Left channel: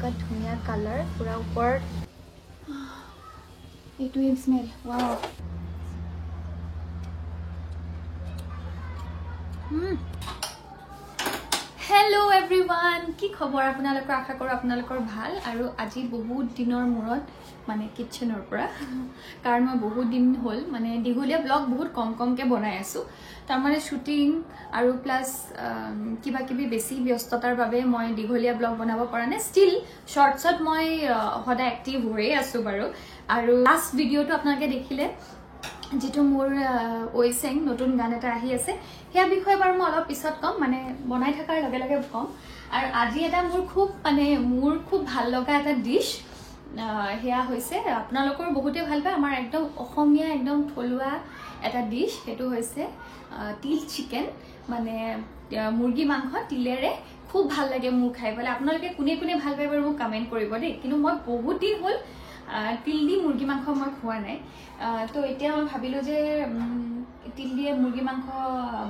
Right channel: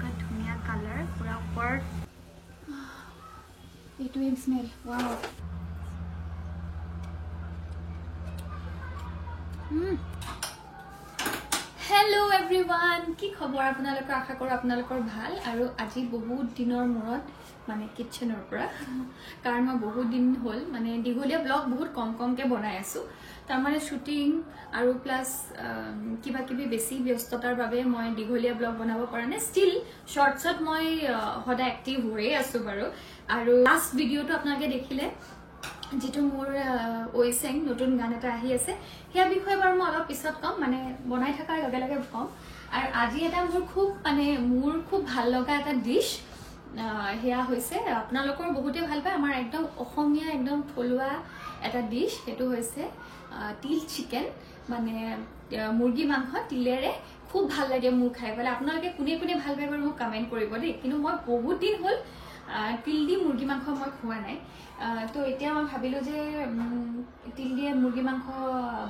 এনেকুৱা ধুনীয়া কালাৰ পুৰা ওপৰত এইটো স্মেল ওয়াও হেল্ল' এভৰিৱান কি খবৰ আপোনালোকৰ আশা কৰোঁ আপোনালোকৰ ভাল আৰু আজি বহুত দিনৰ মূৰত মানে কিচেনৰ পৰা কাৰণ মই বহুত দিন হ'ল মানে দীঘলীয়া ব্লগ বহুত কমকৈ বনাই আছোঁ তাৰমানে শ্বুটিং আৰু প্লাছ কিবা কিবি বেছি ব্যস্ততাৰ বাবে মই দীঘলীয়া ব্লগ বনাব পৰা নাই ষ্টিল শৰ্টছত মই সদায় এক্টিভ হৈয়ে আছোঁ বাৰু আৰু লাষ্ট ভিডিঅ'টো আপোনালোকে দেখিলে যেটো মোৰ ওইসেং নতুন গান এটা আহি আছে হেয়া বিষয় বাৰু মই অলপ পিছত কম মানে বনাই থাকাৰ লগে লগে কম আৰু আজি এটা মোৰ খুব ভাল লগা এটা ডিশ হেয়া হৈছে আপোনালোকৰ বহুতে ভাল পায় আমাৰ একদম অসমীয়া একদম থলুৱা এটা ডিশ হেতু হৈছে তিল চিকেন মানে মুৰ্গী মাংস তিলেৰে খুব ভাল লাগে মোৰ খাই পেলাই আপোনালোকে কোনে কোনে ভাল পায় বাৰু মোক কমেন্ট কৰিব দেই কিন্তু মই বহুত দিন হ'ল তিল দি মুৰ্গী মাংস মই খোৱা নাই তো এতিয়া মই ভাবিলো যে তিল দিয়ে মুৰ্গী মাংস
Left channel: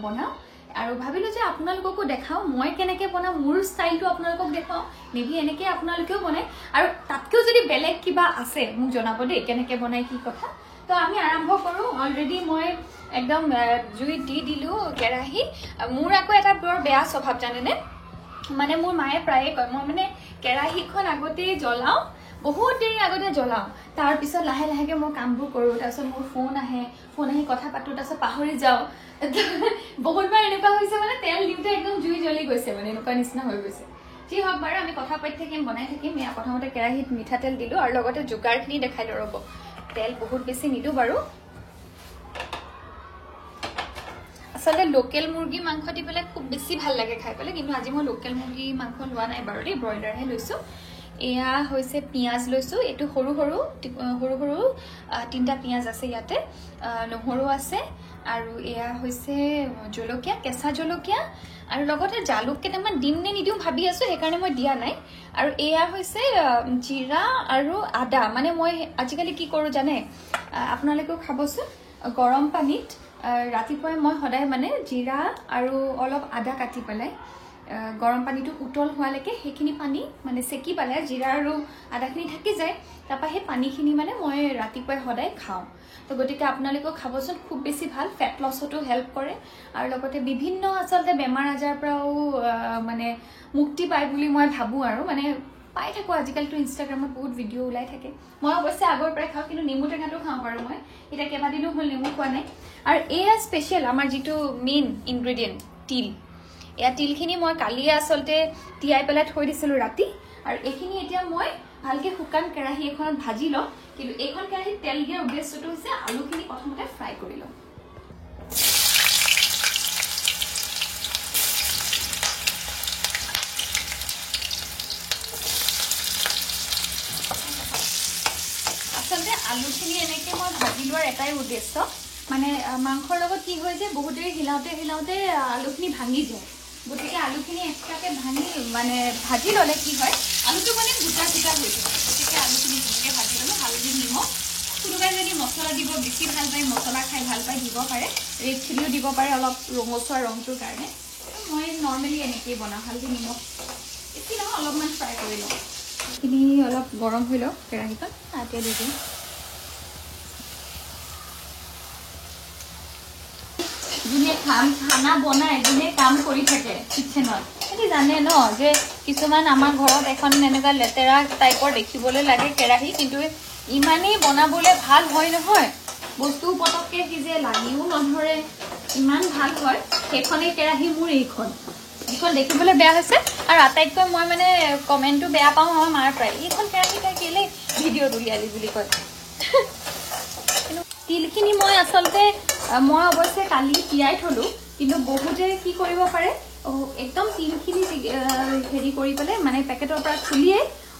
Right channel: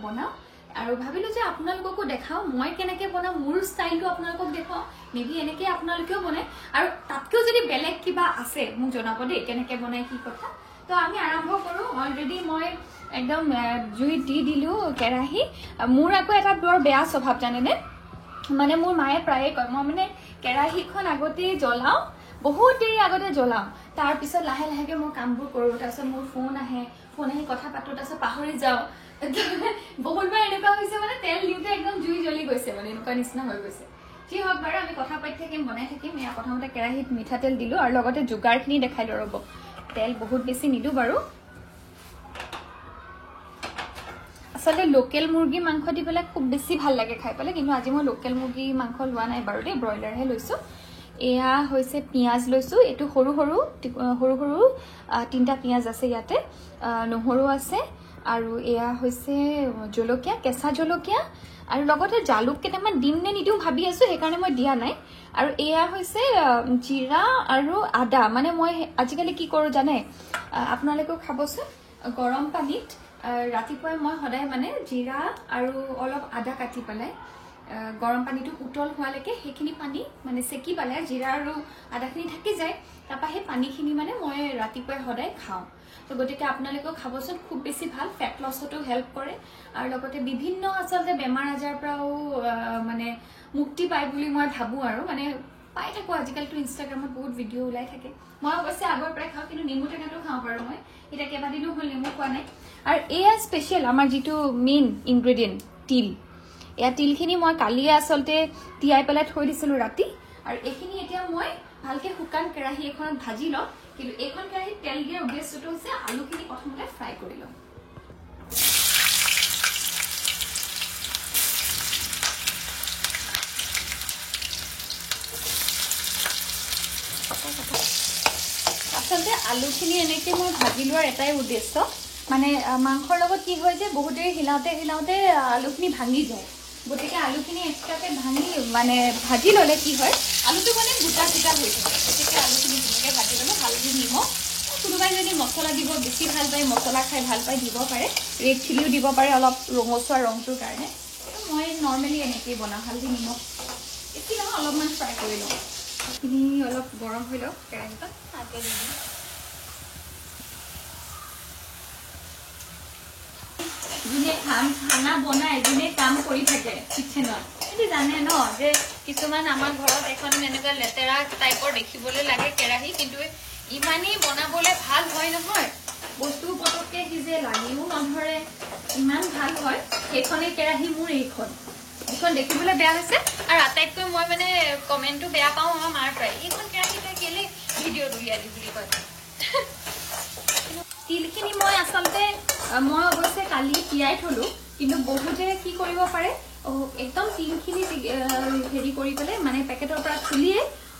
বনাও আৰু ভাবিলো যে আপোনালোককো দেখাও মই কেনেকৈ বনাও মোৰ ষ্টাইলটো আপোনালোকক দেখাও মেবি এনেকৈ আপোনালোকেও বনায় আৰু তাতকেও যদি বেলেগ কিবা আছে মোক জনাব দেই কেনেকৈ বনায় কি কথা তো আমি আৰম্ভ কৰোঁ অলৰেডি মই একদম জুই দি দিলোঁ কেৰাহী মোৰ আকৌ এটা বৰ বেয়া স্বভাৱ জানেনে মানে মোৰ মায়ে প্ৰায়ে কয় মই মানে কেৰাহীখন আগতেই জ্বলাওঁ বহুত দেৰি আগতে জ্বলাওঁ তাৰ পিছত লাহে লাহেকে মই কামবোৰ কৰোঁ তাৰপিছত মোৰ ফোন আহি কথা পাতোঁ তাৰপিছত পাহৰি যাওঁ বহুতবাৰ এনেকুৱা হৈছে মানে তেল দিওঁতে একদম জুই জ্বলি গৈছে মানে এনেকুৱা নিচিনা হৈ গৈছে যি হওক বাৰু আমি কথা পাতি থাকিম বনাই থাকিম এয়া প্ৰথমতে কেৰাহীত মিঠাতেল দিলোঁ আৰু লগতে যোগাৰখিনি দেখাই দিওঁ ৰ'ব তেল বহুত বেছি নিদিওঁ বাৰু আচলতে লোকেল মুৰ্গী মাংস দি পেলাই খুব বেছি ভাল লাগে খাই পেলাই কিন্তু আজি মই লোকেল মুৰ্গী মাংস লোৱা নাই বাৰু দেই ব্ৰইলাৰহে লৈছোঁ এয়া হৈছে পিঁয়াজ লৈছোঁ এইটো সৰু সৰু তিনিটা পিঁয়াজ আছে ইয়াতে নহৰু আছে আৰু এয়া হৈছে জলকীয়া কেঁচা জলকীয়া আৰু লগতে জালুক কেইটামান দিম নে নিদিওঁ ভাবি আছোঁ সেইকাৰণে মই দিয়া নাই আৰু এয়া হৈছে জিৰা আৰু আদা মানে মই আজিকালি কি কৰোঁ জানে আপোনালোকেও খাবচোন গৰম পানীত ৰাতিপুৱাই মই সদায় মানে জিৰা আৰু অলপ আদা কাটি পেলাই গৰম পানীটো উতল হোৱালৈকে সেইখিনি পানী মানে চেকি পেলাই জিৰা আৰু আদাখিনি থাকি যায় তাৰপৰা সেই পানীখিনি মানে মই ৰাতিপুৱাই সদায় খাওঁ তো গতিকে আপোনালোকেও খাবচোন খুব বেছি ভাল ফেট লছতো হেল্প কৰে আৰু লগতে বিভিন্ন আচলতে বেমাৰ আজাৰৰ পৰাও মানে মুক্তি পায় বুলি মই ভাবোঁ আৰু মানে পাই থাকোঁ আজিকালিতো ইনষ্টাগ্ৰামত বহুত ভিডিঅ' ওলাই থাকে মই অৱশ্যে আগৰ পৰাই খাওঁ কিন্তু নেমু টেঙাটো খাওঁ বাৰু মই এতিয়া কেইবাদিনো হ'ল নেমু খোৱা নাই আৰু এয়া স্পেচিয়েল আমাৰ যিটো মেইন ইনগ্ৰেডিয়েণ্ট তিল এয়া তিলখিনি মই কালিয়ে আচলতে তিয়াই পেলাই থৈ দিছিলোঁ ৰাতি আৰু এইখিনি এতিয়া মই ভালকৈ শুকান কেৰাহী এখনত ভাজি লওঁ কিন্তু এইখন কেৰাহীত তেল দিয়াৰ উদ্দেশ্যটো হৈছে আলুখিনি প্ৰথমতে ফ্ৰাই কৰি লওঁ আচলতে আলুখিনি এনেকৈ মই ভাজি লোৱাৰ এটাই উদ্দেশ্য মানে মাংসৰ লগত কি হয় যে বহুত দেৰি হিলাওঁতে আলুখিনি ভাঙি যায় গতিকে আলুখিনি এক্সট্ৰাকৈ ভাঙি মানে ভাজি ল'লে কি হয় আলুটো মানে গোটা হৈ যায় গতিকে আলুখিনি ধুনীয়াকৈ ভাজি ল'লে হালধি নিমখ কোনোবাই যদি মছলা দিব বেছি ভাল পায় মছলা খাই ভাল পায় দিব পাৰে ৰেড চিলিও দিব পাৰে অলপ ৰঙচুৱা ৰংটোৰ কাৰণে মই নৰ্মেলি এনেকৈয়ে বনাওঁ হালধি নিমখ বেছি নহয় অলপমান ফ্ৰাই কৰি লওঁ এইখিনি অলপ গৰম হৈ লওক কেৰাহীখন তাতে দি দিম যোনে খানা বনায় যোনে কাম কৰি থাকে কিচেনত সেইটো জানে ন যে কিছুমান আমাৰ ঘৰত এখন এনেকুৱা লেতেৰা টাইপৰ দেখিবলৈ লাগে কেৰাহী কিন্তু ইমানেই বনাবলৈ ভাল হয় নহয় বস্তু পটককৈ সিজে লাগিও নধৰে ইমান ভাল হয় সেইখনেই কেৰাহী মোৰ এইখন দেখিবলৈ বেয়া হৈছে আৰু আটাইতকৈ মই মানে কমেণ্টটো বেয়া পাওঁ আমাৰ মাৰ পৰাই এইখন কেৰাহীটা কেলে ভিডিঅ'ত উলিয়ালি বুলি কয় তিলখিনি মই আচলতে মই অৱশ্যে কালি তিয়াই থলোঁ কিন্তু বহুতে কি কৰিব পাৰে একদম তিলখিনি হেৰি কৰি পেলাই মানে পেকেটৰ পৰা খুলিয়ে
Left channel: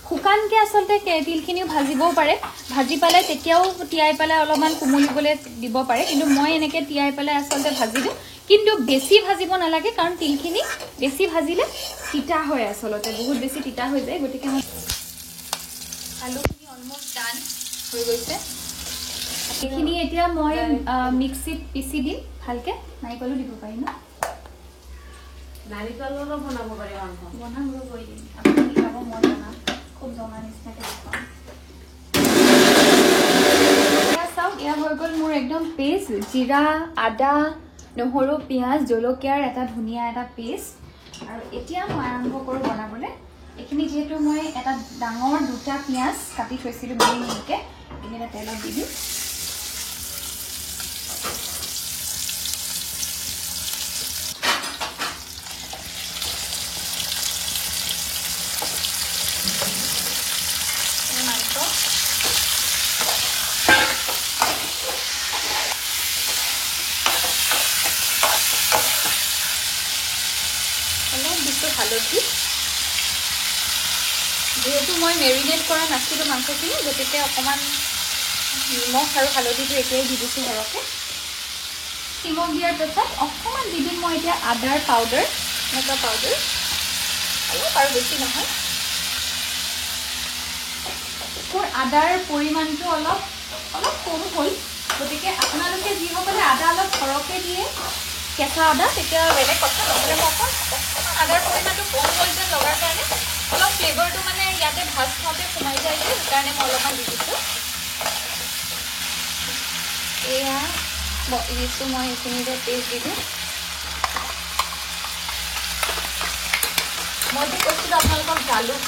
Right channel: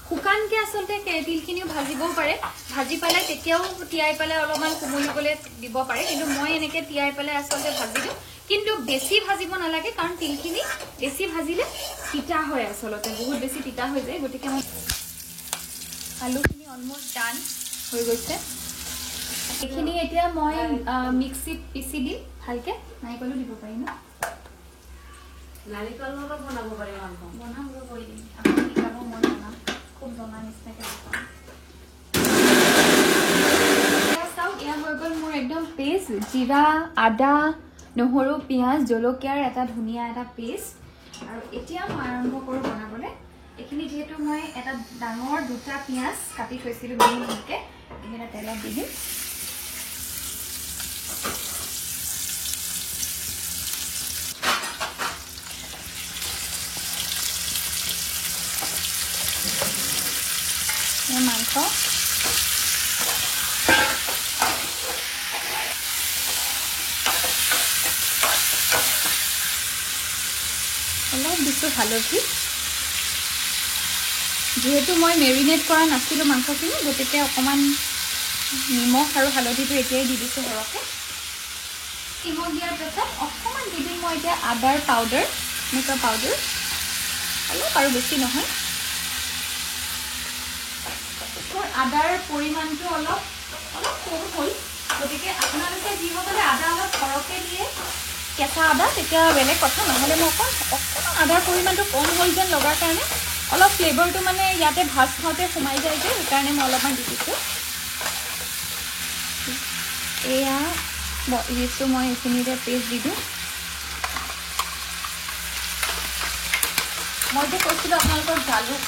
শুকানকৈ আচলতে তিলখিনিও ভাজিবও পাৰে ভাজি পেলাই তেতিয়াও তিয়াই পেলাই অলপমান কোমলিবলৈ দিব পাৰে কিন্তু মই এনেকৈ তিয়াই পেলাই আচলতে ভাজি দিওঁ কিন্তু বেছি ভাজিব নালাগে কাৰণ তিলখিনি বেছি ভাজিলে তিতা হয় আচলতে বহুত বেছি তিতা হৈ যায় গতিকে মই আলুখিনি অলমষ্ট ডান হৈ গৈছে এইখিনি এতিয়া মই মিক্সিত পিচি দিম ভালকৈ নাৰিকলো দিব পাৰি ন নাৰিকল বনাব পাৰি বনাব কৰি দিম আপুনি শিকাব মই বনাম খুব জিৰা আদা নহৰু পিঁয়াজ জলকীয়াৰ এটা ধুনীয়া এটা পেষ্ট আৰু এতিয়া মই আৰম্ভ কৰোঁ বনাবলৈ এইখিনি যিহেতু মই এটা ডাঙৰ দুটা পিঁয়াজ কাটি থৈছিলোঁ মিহি মিহিকৈ এইকেইটা তেলত দি দিম মাংস যেহেতু মই মেৰিনেট কৰা নাছিলোঁ মাংসখিনি গতিকে অকণমান নিমখ আৰু হালধিটো এতিয়াই দি দিছোঁ ঘৰতে নিমখ দিয়াৰ পাছত অকণমান দি দিম মই এতিয়া আদাৰ পাউডাৰ মছলা পাউডাৰ আৰু বেছি নহয় মোৰ আদাৰ পৰিমাণটো অলপ কম হ'ল গতিকে আপোনালোকে যিসকলে আদা অলপ সৰহকৈ দিয়ে কেঁচা আদা তেতিয়া বেলেগ কথা নহ'লে মই আদাৰ পৰিমাণটো কম হৈ যেন লগাৰ কাৰণে অলপ ফ্লেভাৰটো মানে ইয়াতে ভাত খাওঁতে সোমাই যায় যে সেইকাৰণে মই অলপমান দি দিছোঁ এয়া দিছোঁ মই এইখিনি যে পেষ্ট দি দিম মইতো কৈছিলোঁ আপোনালোকক জালুক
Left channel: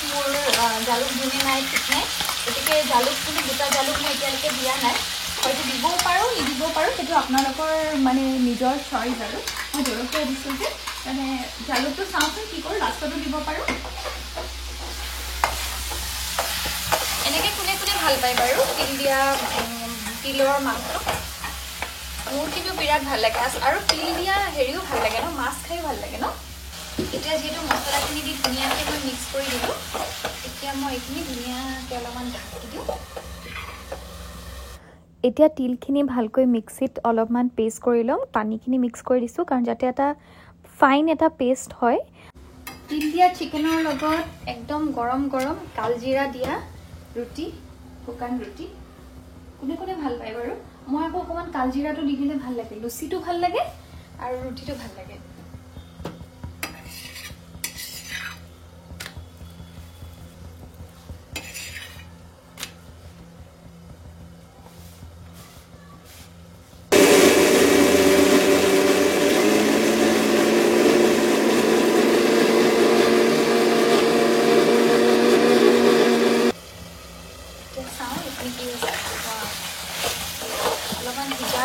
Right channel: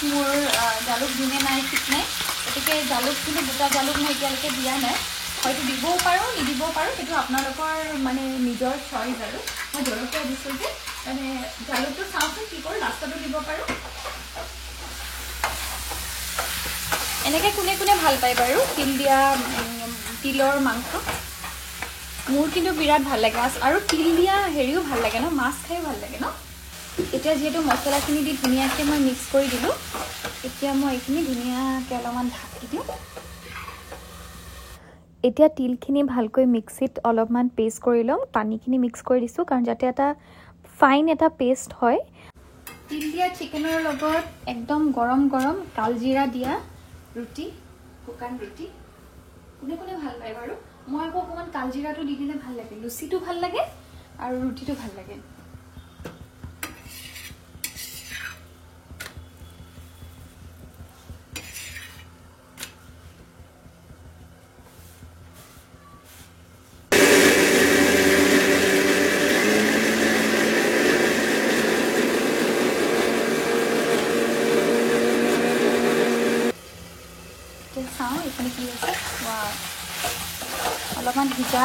দিনে নাই ঠিক নাই গতিকে জালুকখিনি দুটা জালুক মই এতিয়ালৈকে দিয়া নাই হয়তো দিবও পাৰোঁ নিদিবও পাৰোঁ সেইটো আপোনালোকৰ মানে নিজৰ চইচ আৰু মই জলকীয়া দিছোঁ যে মানে জালুকটো চাওঁচোন কি কৰোঁ লাষ্টতো দিব পাৰোঁ এনেকৈ কোনে কোনে ভাল পায় বাৰু তিলৰ মাংস মোৰ কিন্তু বিৰাট ভাল লাগে আৰু তিল দিয়া হেৰিও ভাল লাগে ন মাছ খাই ভাল লাগে ন এতিয়া যিহেতু মছলাখিনি দি ধুনীয়াকৈ মই মিক্স কৰি দিলোঁ এতিয়া মই এইখিনি ধুনীয়াকৈ অলপমান ঢাকি দিওঁ এতিয়া তিলখিনি ভালকৈ মিক্সিত অলপমান পেষ্ট কৰি ল'ম পানীখিনি মিক্স কৰি দিছোঁ কাৰণ যাতে এটা ফাইন এটা পেষ্ট হয় তিল দিয়া চিকেনৰ লগত একদম গৰম গৰম কালজিৰা দিয়া ৰুটি শুকান ৰুটি কোনে কোনে ভাল পায় বাৰু মই আকৌ অকণমান কালজিৰাটো দি দিলে ভাল লাগে লুচিটো ভাল লাগে আৰু ৰুটিটো ভাল লাগে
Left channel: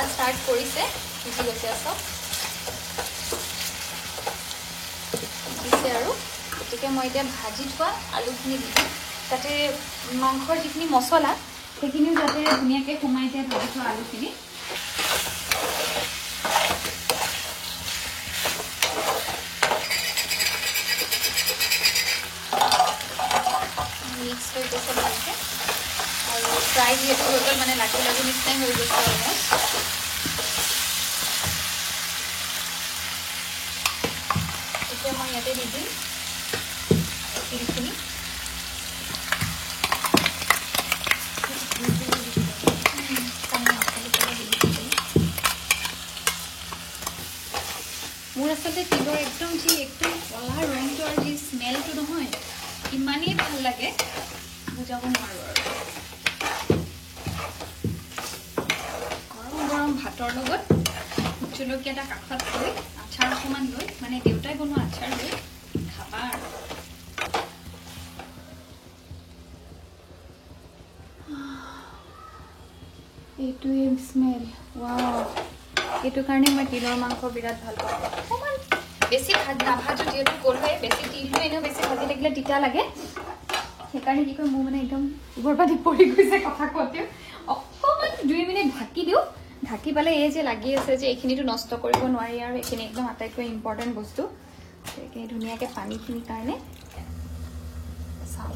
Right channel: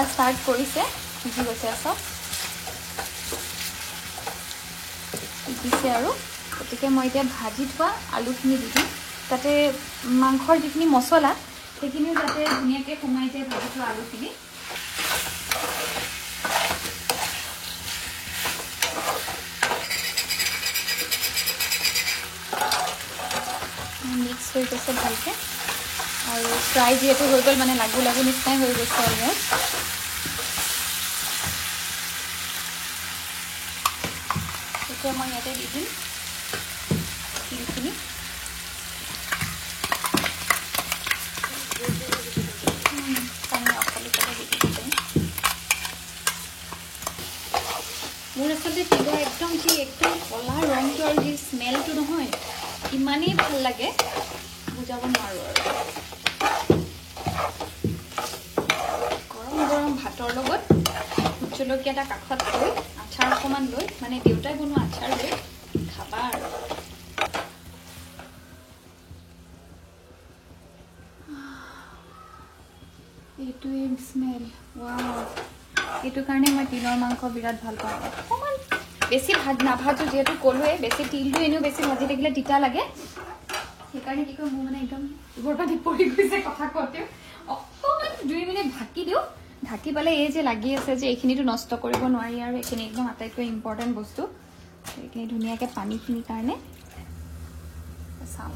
স্টাৰ্ট কৰিছে ভিজি গৈছে চব দিছে আৰু গতিকে মই এতিয়া ভাজি থোৱা আলুখিনি দি দিম তাতে মাংসৰ যিখিনি মছলা সেইখিনিও যাতে ধুনীয়াকৈ সোমাই যায় ভাজি থোৱা আলুখিনি মিক্স কৰি কৈছে ভালকৈ ফ্ৰাই যিহেতু হৈ গ'ল মানে লাগি লাগি নিচিনাই হৈ গৈছে আৰু মই ইয়াতে দি দিম তিলখিনি মোৰ আচলতে তিলৰ একদম কলা ৰংটো আৰু সেই স্মেলটো নহয় ইমানেই ভাল লাগে বুজাব নোৱাৰোঁ আৰু গৰম গৰম ভাতৰ লগত ভোট জলকীয়া এটা কাষত লৈ আচাৰ অকণমান লৈ মানে দেউতাই বনোৱা আচাৰ লৈ খাবা আৰু এইটোৱে স্মেল ৱাও এইটো কাৰণে মই তিলৰ মাংস বিৰাট ভাল পাওঁ বেছি নাভাজো যিহেতু ক'লোৱে বেছি তিলটো এনেও বেছি ভাজি থাকিলে তিতা লাগে সেইকাৰণে কি কয় মোৰ মানে একদম ওপৰ পাতি পৰি গৈছে কথা কওঁতে অকণমান 2 মিনিট ঢাকি দিওঁ ঢাকি পালে এই যে লাগি আছে যে এইখিনিতো নষ্ট কৰিব নোৱাৰি আৰু এইখিনি একদম আটাইতকৈ ইম্পৰ্টেণ্ট বস্তু এইখিনি ধুনীয়াকৈ পানীখিনিৰ কাৰণে চাওঁ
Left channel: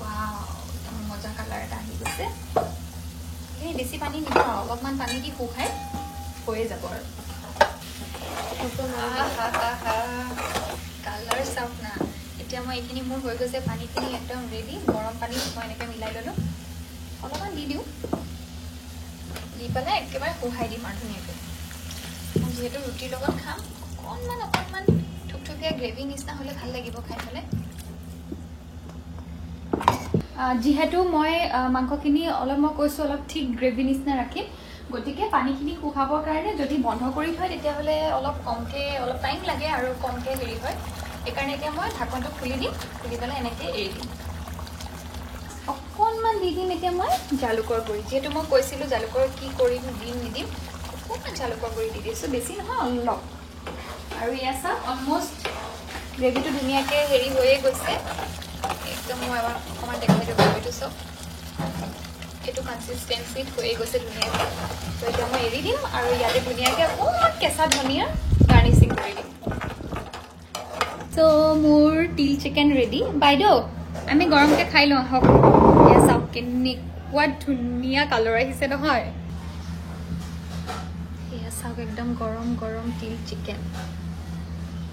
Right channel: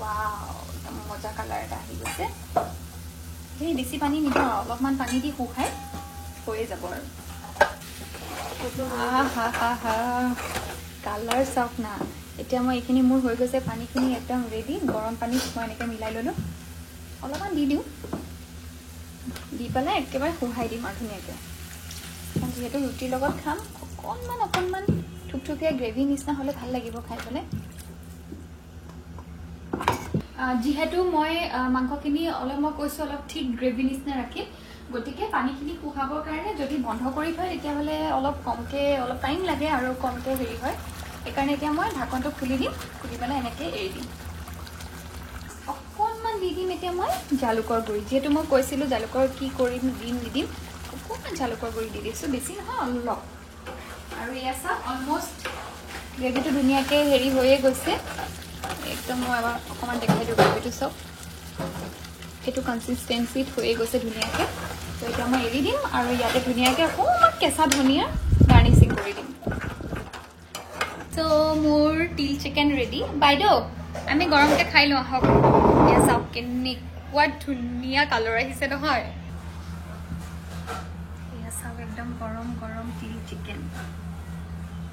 ৱাও মজা কালাৰ এটা আহি গৈছে এই বেছি পানী নিদিওঁ অলপমান পানী দি শুকাই হৈয়ে যাব আৰু কালাৰ চাওক না এতিয়া মই এইখিনি মোৰ হৈ গৈছে পানীখিনি একদম ৰেডি গৰম পানী মই এনেকৈ মিলাই ল'লোঁ অলপমান দি দিওঁ দি পেলাই একেবাৰে শুকাই দিম আৰু ধুনীয়াকৈ যিহেতু ৰুটিৰ লগত খাম অকণমান থুপথুপীয়া গ্ৰেভি নিচিনা হ'লে ভাল লাগিব খাই পেলাই যিহেতু মই মাংসখিনি অলপ মই কৈছো অলপ ঠিক গ্ৰেভি নিচিনা ৰাখিম গতিকে পানীখিনি শুকাবৰ কাৰণে যদি বন্ধ কৰি থয় তেতিয়াহ'লে অলপ কমকৈ অলপ টাইম লাগে আৰু কমকৈ হেৰি হয় সেইকাৰণে এতিয়া মই ঢাকনটো খুলি দিম খুলি পেলাই এনেকৈ এৰি দিম অকণমান দি দিম এতিয়া মই জালুকৰ গুড়ি যিহেতু মই কৈছিলোঁ জালুকৰ কি কৰিম দিম নিদিম অকণমান জালুকৰ গুড়ি দি দিছোঁ বেছি নহয় অলপ আৰু এয়া চাওক অলমষ্ট গ্ৰেভিটো ধুনীয়াকৈ হেৰি হৈয়ে গৈছে একদম মই অকণমান দেখি দিওঁ গ্ৰেভিটো চাওক এইটো কনচিষ্টেঞ্চিত হৈয়ে গৈছে ধুনীয়াকৈ তো এতিয়া মই এৰি দিম আৰু ইয়াতে ধুনীয়াকৈ অকণমান কেঁচা ধনিয়া গাৰ্নিচিং কৰি দিম তো মোৰ তিল চিকেন ৰেডি বাইদেউ আমি গৰমকৈ খাই লওঁ আহক এয়া চাওক কেনেকুৱা ধুনীয়া কালাৰ আহিছে নহয় এয়া চাওক একদম গৰম গৰম তিল চিকেন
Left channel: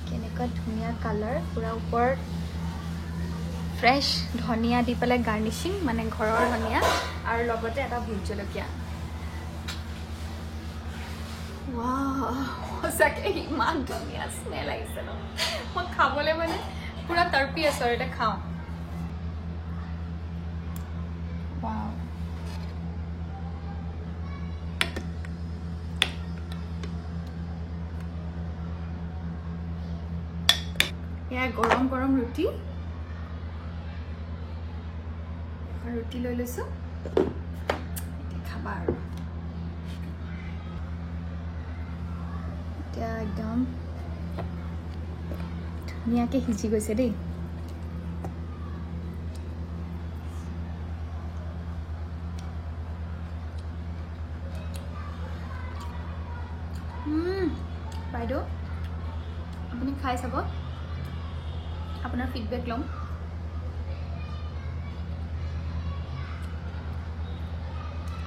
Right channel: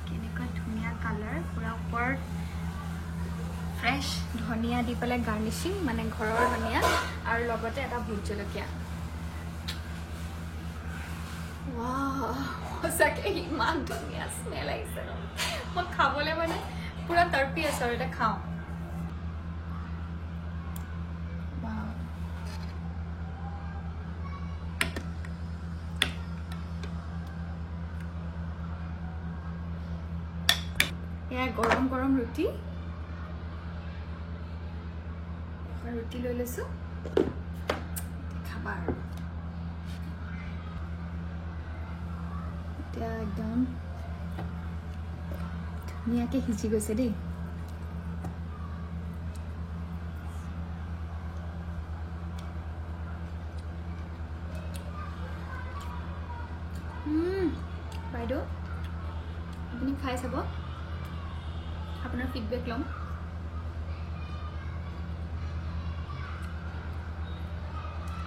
কেনেকুৱা ধুনীয়া কালাৰ পুৰা ওপৰত ফ্ৰেছ ধনিয়া দি পেলাই গাৰ্নিচিং মানে ঘৰৰ ধনিয়া আৰু লগতে এটা ভোট জলকীয়া সঁচাকে ইমান ধুনীয়া স্মেল আহিছে ন মই খাবলৈ মানে পুৰা তৰ্পি আছো আৰু এতিয়া খাওঁ এয়া গৰম গৰম ৰুটি ৰুটি লৈ লৈছো খাবা আৰু এতিয়া একদম ধুনীয়াকৈ সিজি গৈছে দেই বাইদেউ আপুনি খাই চাব আপোনাৰ ফিডবেক ল'ম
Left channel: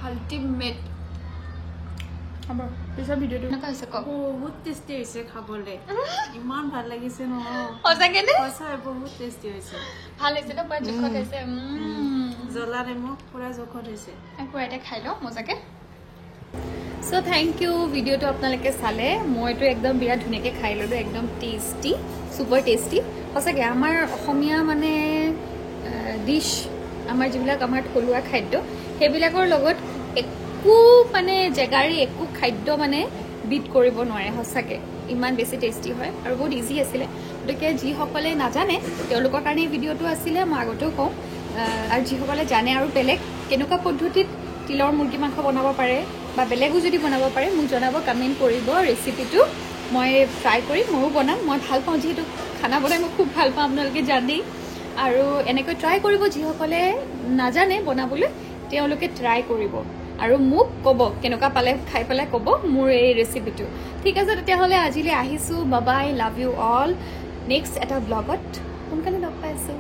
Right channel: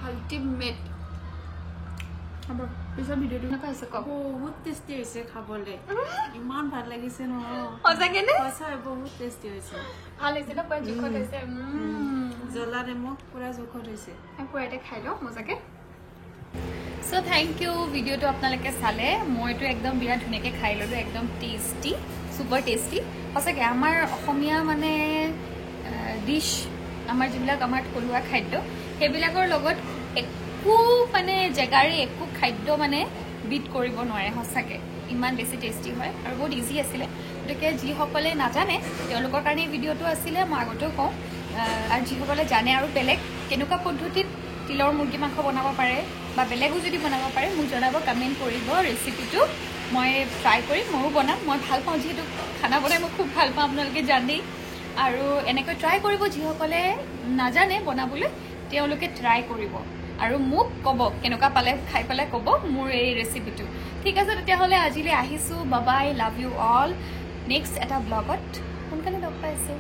আল্টিমেট হ'ব পিছৰ ভিডিঅ'টো এনেকুৱা হৈছে কওক বহুত টেষ্টি হৈছে খাবলৈ ইমান ভাল লাগিছে ন সঁচাকেনে সঁচাই বহুত টেষ্টি হৈছে ভাল হৈছে ন পুৰা জোখত হৈছে জ্বলা নিমখ পুৰা জোখত হৈছে পুৰা এতিয়া খাই লওঁ মজাকে সো থেংক ইউ ভিডিঅ'টো আপোনালোকে চালে মইতো একদম বিৰাট ধুনীয়াকৈ খাই ল'লোঁ একদম টেষ্টি ছুপাৰ টেষ্টি সঁচাকৈ আমাৰ অসমীয়া মানে ডিছ আমাৰ যিবিলাক আমাৰ থলুৱা খাদ্য সেইবিলাকৰ লগত একো মানে জেগাৰে একো খাদ্য মানে বিট কৰিব নোৱাৰে সঁচাকৈ ইমান বেছি টেষ্টি হয় আৰু বহুত ইজি আছিলে গতিকে যিসকলে নাজানে তেওঁলোকৰ কাৰণে এই ভিডিঅ'টো আছিলে মই আগতেও কওঁ আৰু যিসকলে জানে আৰু বেলেগ কেনেকুৱা পদ্ধতিত তিলৰ মুৰ্গী মাংস বনাব পাৰে বা বেলেগো যদি বনাব পাৰে মোক জনাব কমেণ্ট কৰিব ৰেচিপিটো মই ট্ৰাই কৰিম ময়ো বনাম মই ভাল পাওঁ যিহেতু খানা বনাই মই খুব ভাল পাওঁ আপোনালোকে জানেই আৰু এনেকৈ ট্ৰাই কৰিব যিসকলে নাজানে বনাবলৈ তেওঁলোকে ট্ৰাই কৰিব আৰু মোক ক'ব কেনেকুৱা পালে খাই পেলাই ক'ব মোৰ এই ৰেচিপিটো ঠিক আছে তেতিয়াহ'লে আজিলৈ আহিছোঁ বাবাই লাভ ইউ অল নেক্সট এটা ব্লগত সোনকালে লগ পাইছোঁ